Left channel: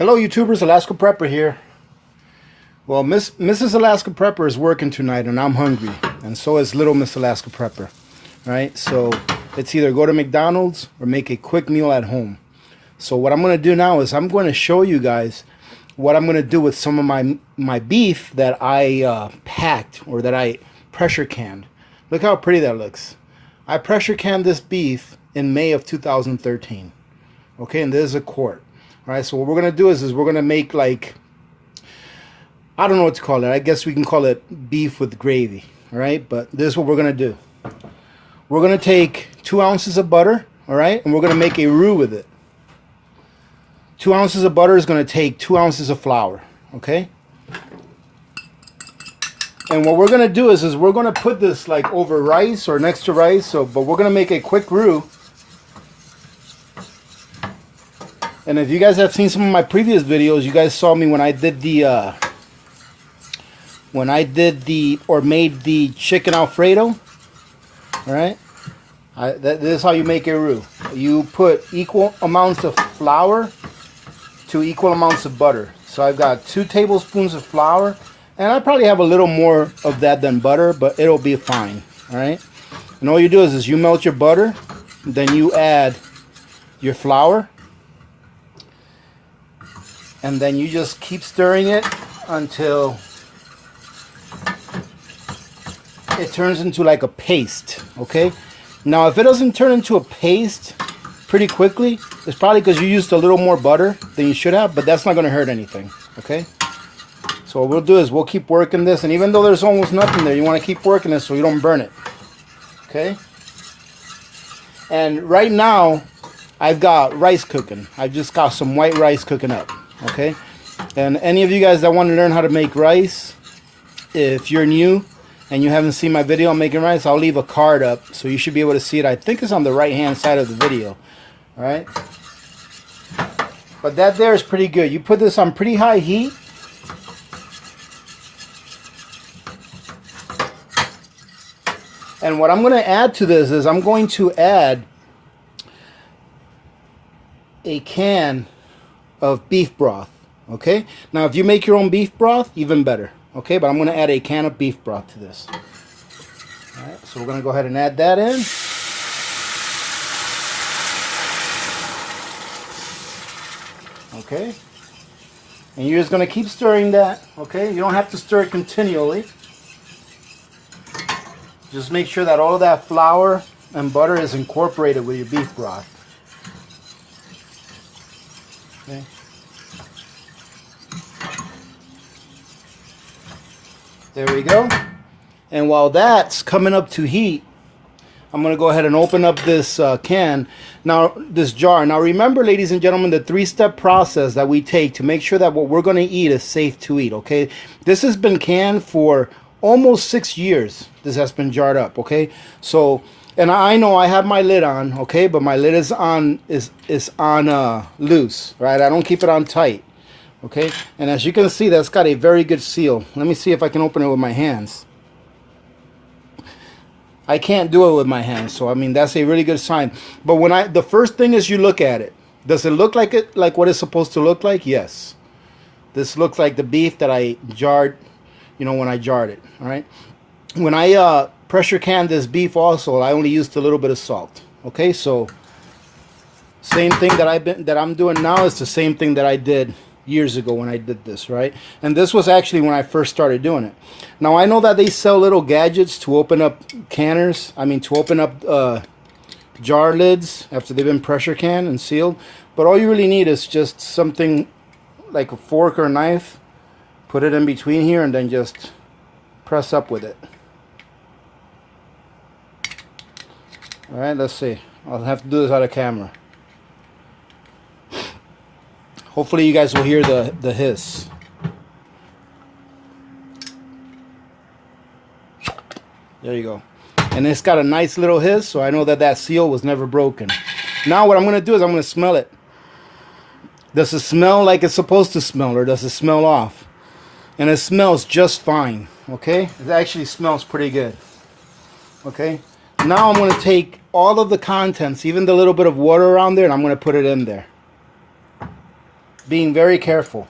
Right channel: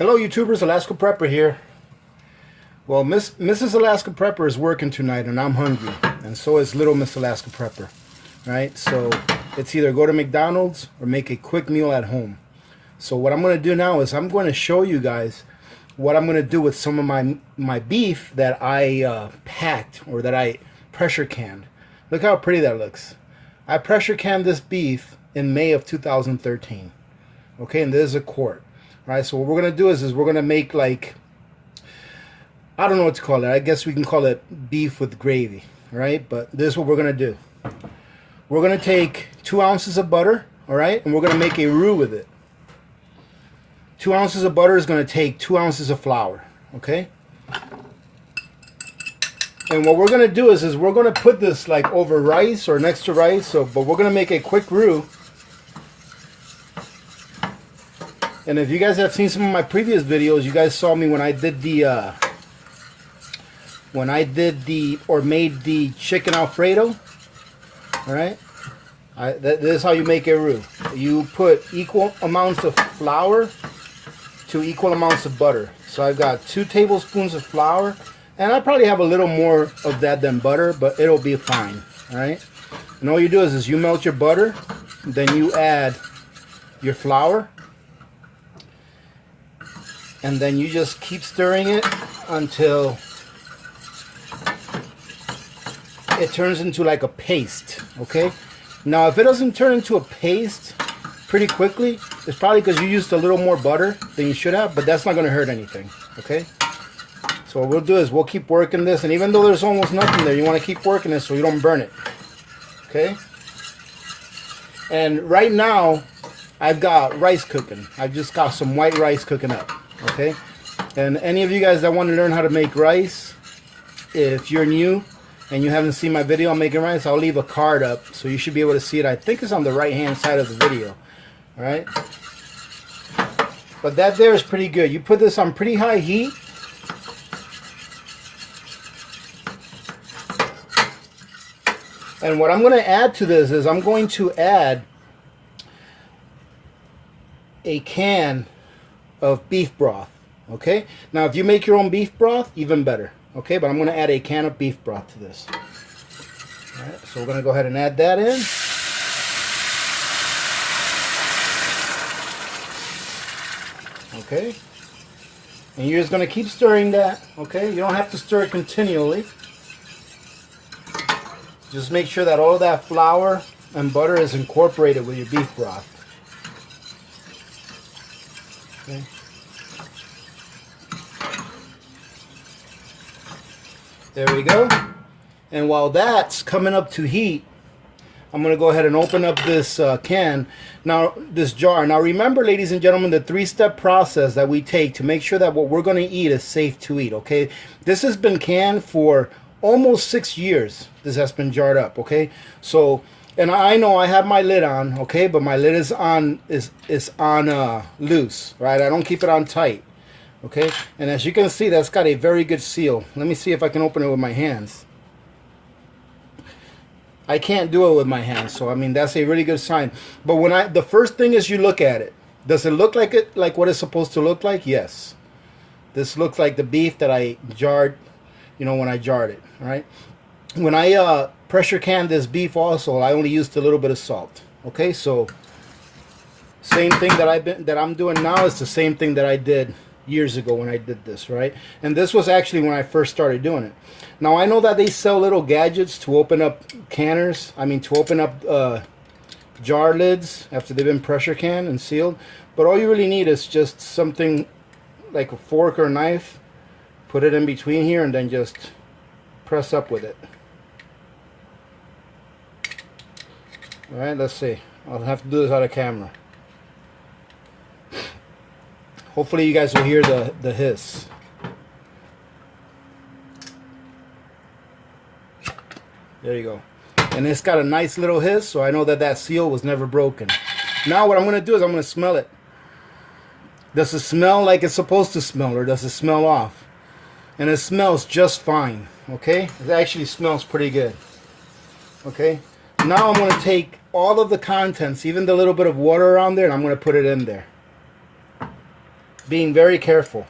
Hello YouTubers, Alaska Prepper here. Well, Mrs. Alaska Prepper is working tonight and I'm hungry. And so is little Miss Alaska Prepper. Right? So it's either go to McDonald's or make a quick meal at home. So what I'm going to do now is I'm going to show you guys what I'm going to do with some of my beef that I packed or that I pressure canned. Look how pretty that looks. I pressure canned this beef in May of 2013. Okay, and this is a quart. Right, so what we're going to do is we're going to make like, I don't know what to call it. I guess we can call it beef with gravy. Right, but this is what we're going to do. We're going to take 2 ounces of butter, all right, and we're going to make a roux with it. 2 ounces of butter is going to take 2 ounces of flour, okay? And what we're going to do is we're going to put this like over rice or next to rice, but we're going to make a quick roux. And if you guys have seen some of my previous videos, you guys saw me when I did made the chicken Alfredo. All right, this is how you make a roux. You put equal amounts of flour to equal amounts of butter. So I've got 2 tablespoons of flour, and I probably have a little more of that than butter, but it'll be fine. All right, and all you do is you melt your butter, then you add your flour. And then you just keep stirring it until it turns into like a paste, okay? Now, if it doesn't turn into a paste pretty quickly, it's probably because you used a little more butter than you should have, but that's not going to hurt anything, okay? So what we'll do is we'll keep working this, and even though there's almost nothing there, you want to keep working it so you don't burn it, okay? And right now, I've got rice cooking. I've just got some white rice cooking up. Okay, and any of you guys that want to learn how to make rice, if you're new and you haven't seen my video on making rice, I'll leave a card up so you should be able to see it. I think it's on the right hand side of the video. All right, but that there is pretty good. You put this on pretty high heat. And what I'm going to add to this is I'm going to add a can of beef broth. Okay, now if you make your own beef broth, even better. Okay, but I'm going to add a can of beef broth to this. All right, so we're going to go ahead and add that in. Okay, and you're just going to keep stirring that. Okay, you don't have to stir it continually. Just make sure that all of that flour and butter is incorporated with your beef broth. Okay. There we go. And while that's coming up to heat, I'm going to go ahead and open up this this jar. Now remember, ladies and gentlemen, the 3-step process that we take to make sure that what we're going to eat is safe to eat, okay? This has been canned for almost 6 years. This has been jarred up, okay? So, and I know I have my lid on, okay, but my lid is on loose, right? I don't keep it on tight, okay? And as you can see, that's got a very good seal. Let me see if I can open it with my hands. I can't do it with my hands, so I mean that's a really good sign. But when the first thing is you look at it. Does it look like what it's supposed to look like? Yes. This looks like the beef that I jarred, you know, when I jarred it, all right? When I pressure canned this beef also, I only used a little bit of salt. Okay, so same thing that I'm doing now is the same thing that I did years ago when I did this, right? And this was actually when I first started doing it. Now I know that they sell little gadgets to open up canners. I mean, to open up jar lids after they've been pressure canned and sealed. But all you really need is just something like a fork or a knife. Put it in between here and then just press up with it. All right, let's see. I'll have to do this out of camera. Hopefully you guys will hear the hiss. There you go. And it's got a nice little hiss, so I know that that seal was never broken. Now what I'm going to do is I'm going to smell it. Does it smell like it's supposed to smell, or does it smell off? And it smells just fine, okay? It actually smells pretty good, okay? Now I'm going to take all of the contents, even the little bit of water around there, and I'm going to put it in there. being very careful.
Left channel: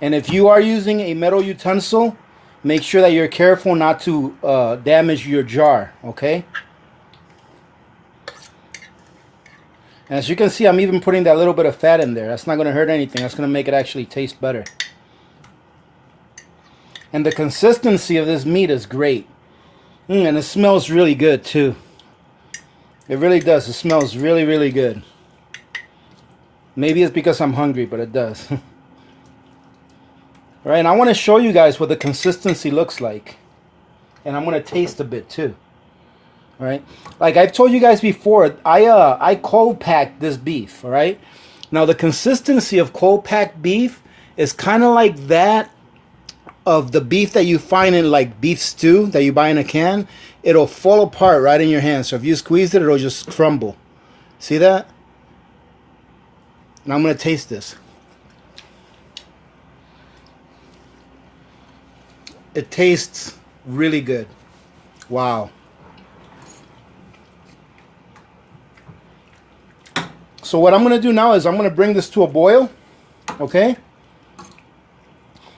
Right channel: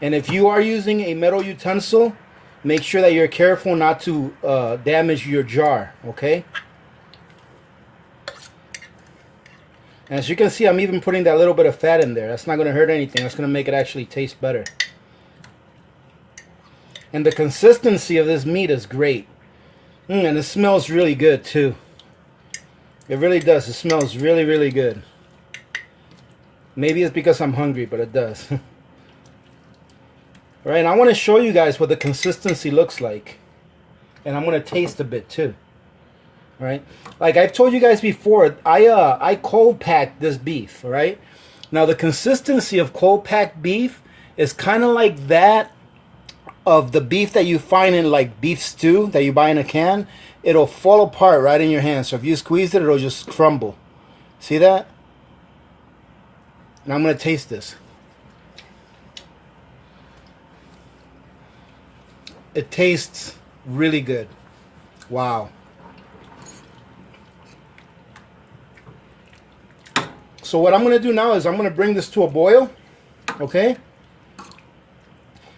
And if you are using a metal utensil, make sure that you're careful not to damage your jar, okay? And as you can see, I'm even putting that little bit of fat in there. That's not going to hurt anything. That's going to make it actually taste better. And the consistency of this meat is great. And it smells really good too. It really does. It smells really, really good. Maybe it's because I'm hungry, but it does. Right, and I want to show you guys what the consistency looks like. And I'm going to taste a bit too. All right, like I've told you guys before, I cold packed this beef. All right, now the consistency of cold packed beef is kind of like that of the beef that you find in like beef stew that you buy in a can. It'll fall apart right in your hand. So if you squeeze it, it'll just crumble. See that? And I'm going to taste this. It tastes really good. Wow. So what I'm going to do now is I'm going to bring this to a boil. Okay?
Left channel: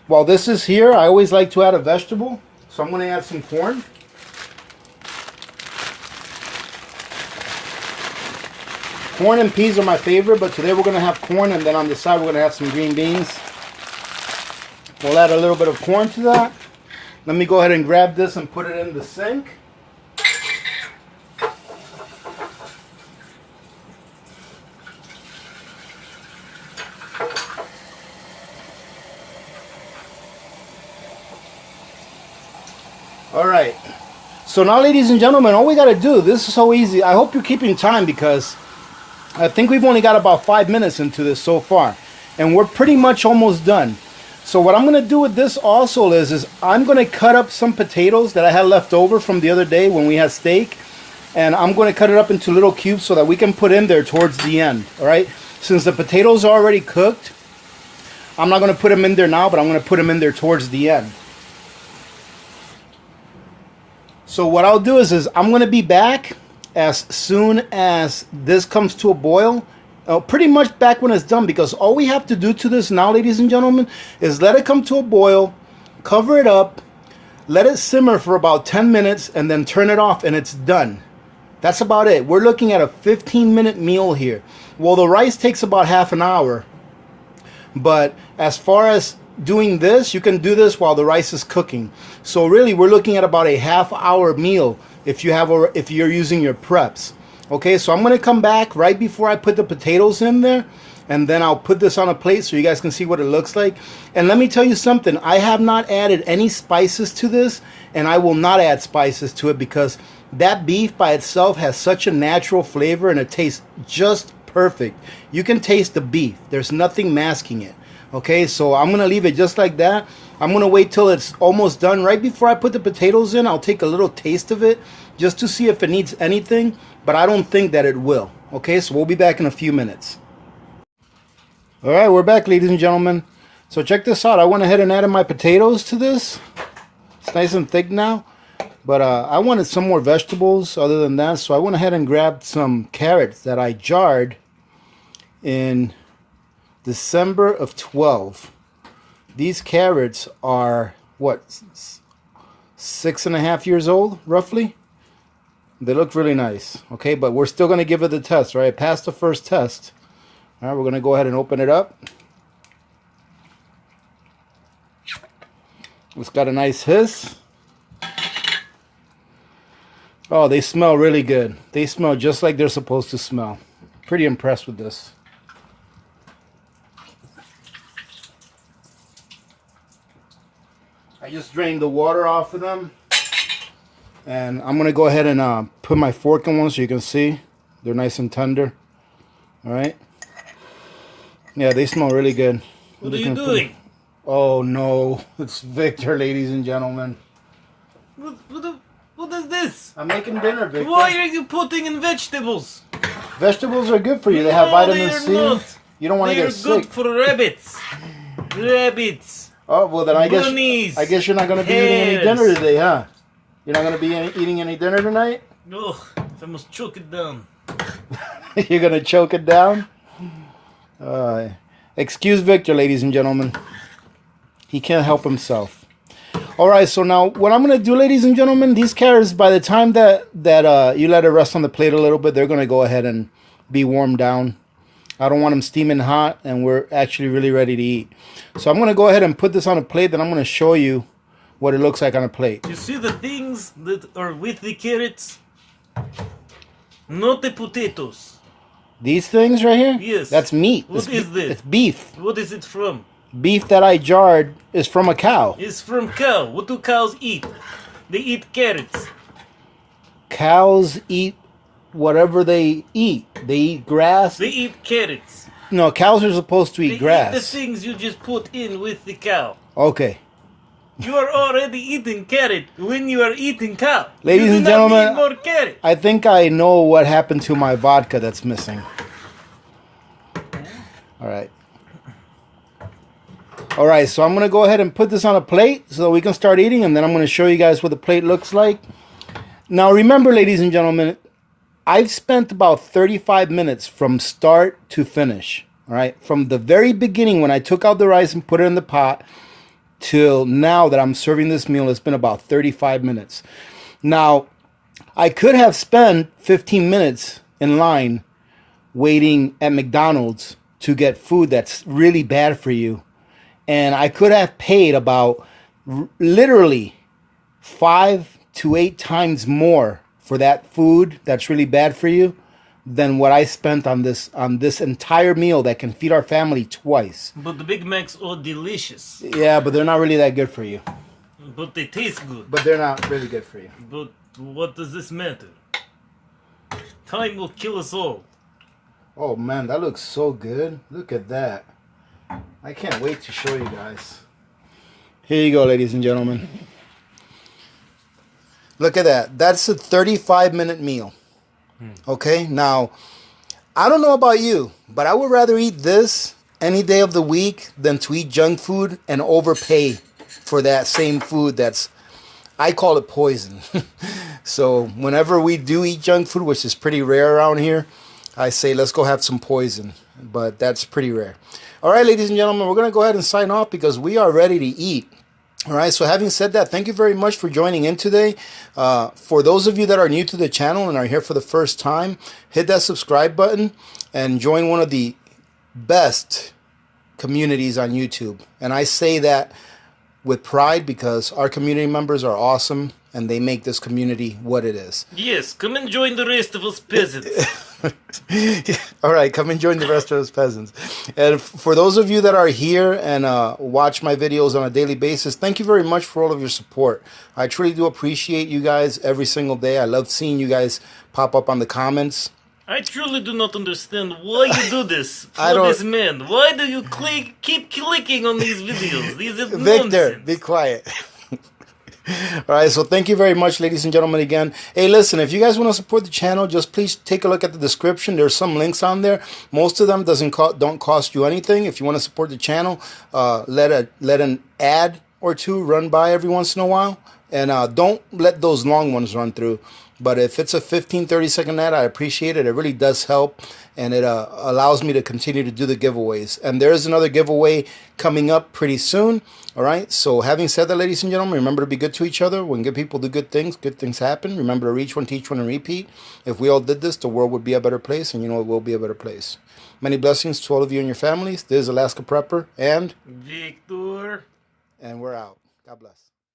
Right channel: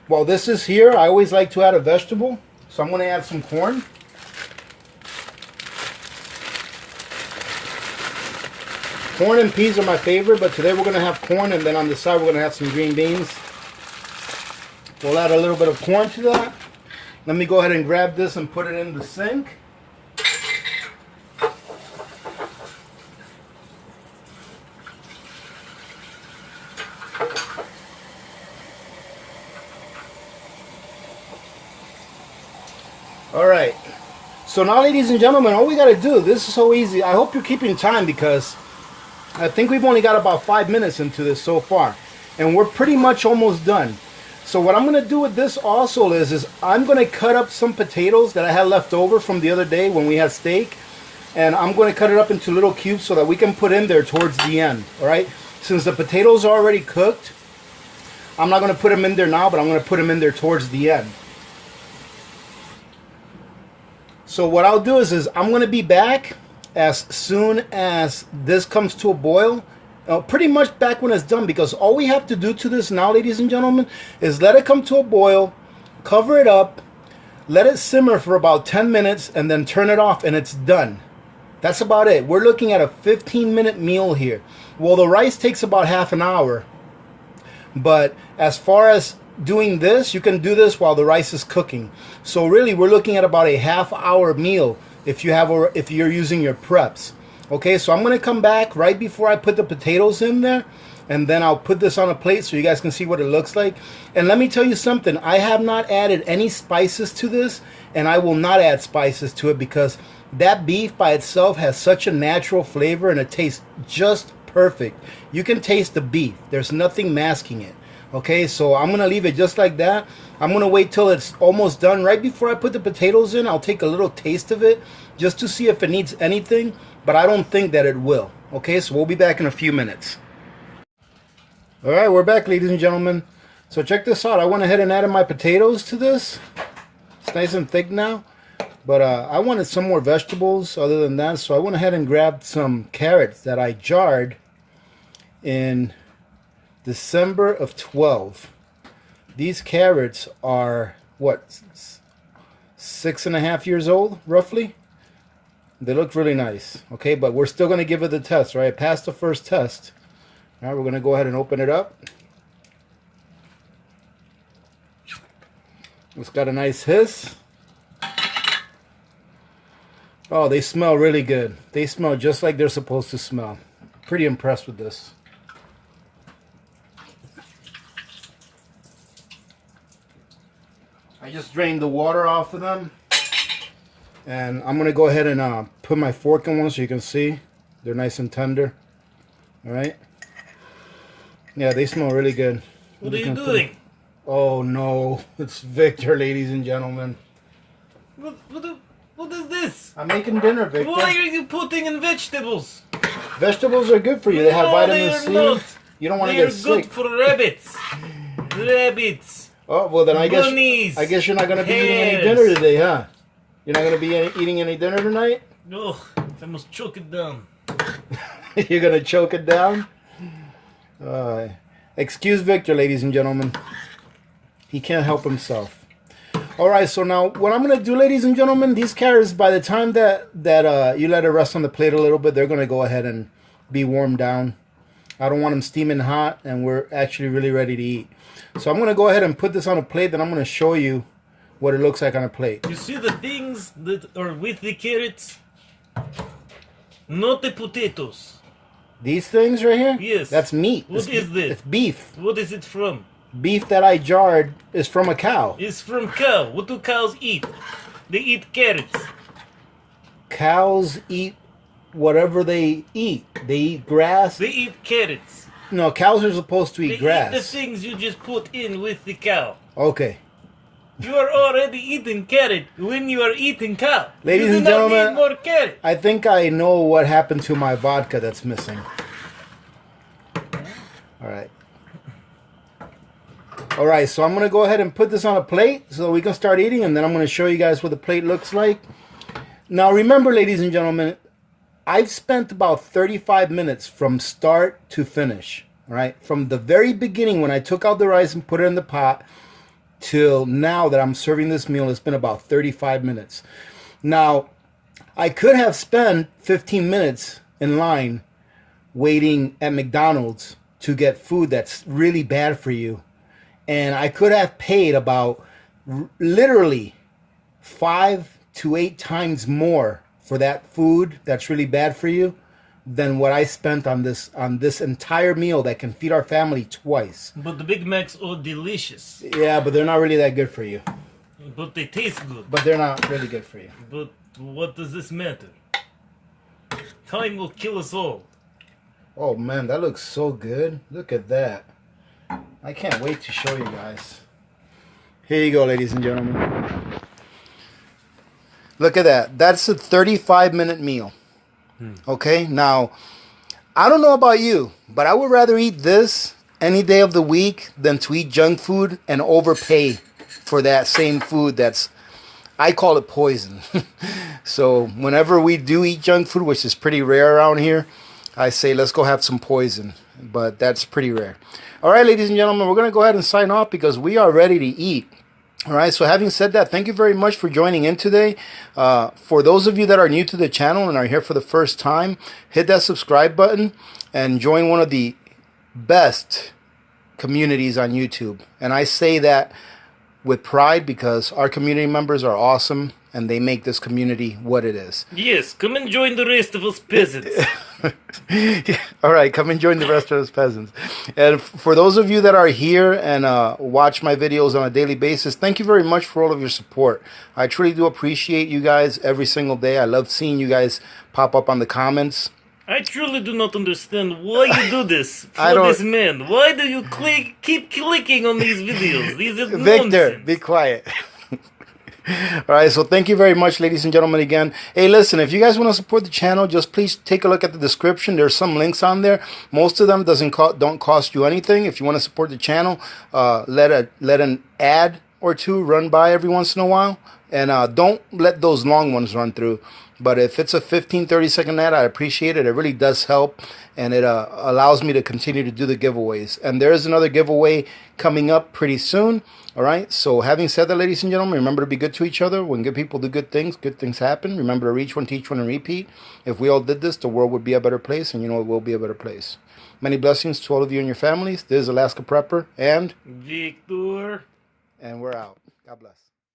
While this is here, I always like to add a vegetable. So I'm going to add some corn. Corn and peas are my favorite, but today we're going to have corn, and then on the side we're going to have some green beans. We'll add a little bit of corn to that. Let me go ahead and grab this and put it in the sink. All right. So now, ladies and gentlemen, all we got to do, this is so easy. I hope you're keeping time because I think we've only got about 5 minutes into this so far. And we're pretty much almost done. So what I'm going to do with this also is I'm going to cut up some potatoes that I had left over from the other day when we had steak. And I'm going to cut it up into little cubes so that we can put in there towards the end. All right. Since the potatoes are already cooked, I'm not going to put them in there now, but I'm going to put them in there towards the end. So what I'll do is I'm going to be back as soon as this comes to a boil. Pretty much back when it's done, because all we have to do to this now, ladies and gentlemen, is let it come to a boil, cover it up, let it simmer for about 10 minutes, and then turn it off, and it's done. That's about it. We're looking at a 15-minute meal here. Well, the rice takes about half an hour, but as far as doing this, you can do this while the rice is cooking. So really, we're looking at about a half-hour meal if you're using your preps. Okay, so I'm going to come back right before I put the potatoes in there, and then I'll put this on a plate so you guys can see what it looks like. And let me tell you something, I have not added any spices to this, and I will not add spices to it because that beef by itself has such a natural flavor and it tastes just perfect. You can taste the beef. There's nothing masking it. Okay, so I'm going to leave it just like that. I'm going to wait till it's almost done. Right before I put the potatoes in, I'll take a little taste of it just to see if it needs anything, but I don't think that it will. Okay, so we'll be back in a few minutes. All right, we're back, ladies and gentlemen. So check this out. I went ahead and added my potatoes to this. It's nice and thick now, but I wanted some more vegetables other than that, so I went ahead and grabbed some carrots that I jarred in December of 12. These carrots are, what, 6.5 years old, roughly? They look really nice, okay? But we're still going to give it the test, right? I passed the first test. All right, we're going to go ahead and open it up. It's got a nice hiss. Oh, they smell really good. They smell just like they're supposed to smell. Pretty impressed with this. I just drained the water off of them. And I'm going to go ahead and put my fork in one so you can see. They're nice and tender. Alright. Yeah, they smell really good. What are you doing? Oh no, it's Victor, ladies and gentlemen. What is this? I'm making dinner, Victor. Why are you putting in vegetables? Vegetables are good for you. They have vitamin C. Not. You don't want to They're get sick. good for rabbits. Rabbits. Oh, well then I guess you're not going to be eating any dinner today, huh? You're not going to be eating any dinner tonight? Ugh, I must choke it down. You're going to choke it down? Excuse Victor, ladies and gentlemen. He can't help himself. All right, so now what I'm going to do, ladies and gentlemen, these carrots, by the time that you let it rest on the plate a little bit, they're going to go ahead and be warmed down. I don't want them steaming hot, and we're actually really ready to eat. So I'm going to go ahead and put this on a plate, then I'm going to show you what it looks like on a plate. You see the things that are with the carrots? Not the potatoes. These things right here? Yes. That's meat. What is this? It's beef. What is it from? Beef that I jarred is from a cow. It's from cow. What do cows eat? They eat carrots. Cows eat whatever they eat. They eat grass. They eat carrots. No, cows are supposed to eat They grass. eat the things you just put in with the cow. Okay. You are already eating carrot when you are eating cow. Ladies you do and not gentlemen, need more carrot. I think I know what happened to my vodka that's missing. All right. All right, so I'm going to go ahead and put this on a plate so we can start eating, and then I'm going to show you guys what the plate looks like. Now, remember, ladies and gentlemen, I've spent about 35 minutes from start to finish. All right, from the very beginning when I took out the rice and put it in the pot till now that I'm serving this meal, it's been about 35 minutes. Now, I could have spent 15 minutes in line waiting at McDonald's to get food that's really bad for you. And I could have paid about literally 5 to 8 times more for that food that's really bad for you than what I spent on this entire meal that can feed our family twice. But the Big Macs are delicious. Yeah, but they're not really that good for you. But they taste good. But they're not really good for you. But what does this matter? Time will kill us all. Oh man, that looks so good. Look at that. I can't wait to show you guys. Here you go, ladies and gentlemen. Look at that. That's a 35-minute meal. Okay, now, I don't know about you, but I would rather eat this any day of the week than to eat junk food and overpay for that same food that's, I call it poison. So whenever we do eat junk food, which is pretty rare around here, I say let's go have some poison, but that's pretty rare. All right, ladies and gentlemen, we're going to go ahead and sign off because we are ready to eat. All right, so having said that, thank you very much for joining in today. For those of you that are new to the channel and are here for the first time, hit that subscribe button and join one of the best communities on YouTube. And I say that with pride because our community members are awesome and they make this community what it is. Yes, come and join the rest of us peasants. All right, come and join the rest of us peasants. And for those of you that are here and watch my videos on a daily basis, thank you very much for all of your support. I truly do appreciate you guys every single day. I love seeing you guys pop up on the comments. I truly do not understand why you do this I for don't- this man. Why do you keep clicking on these videos? These are Victor, nonsense. be quiet. All right, so thank you very much, ladies and gentlemen, again. Hey, listen, if you guys want to support the channel, just please take a look at the description. There's some links on there. Most of them don't cost you anything. If you want to support the channel, let an ad or two run by every once in a while. And don't let those long ones run through. But if it's a 15, 30-second ad, I appreciate it. It really does help. And it allows me to continue to do the giveaways. And there is another giveaway coming up pretty soon. All right. So having said that, ladies and gentlemen, remember to be good to each other. When good people do good things happen. Remember to reach one, teach one, and repeat. If we all did this, the world would be a better place. And you know it will be a better place. Many blessings to all of you and your families. This is Alaska Prepper. And Victor. we're out. God bless.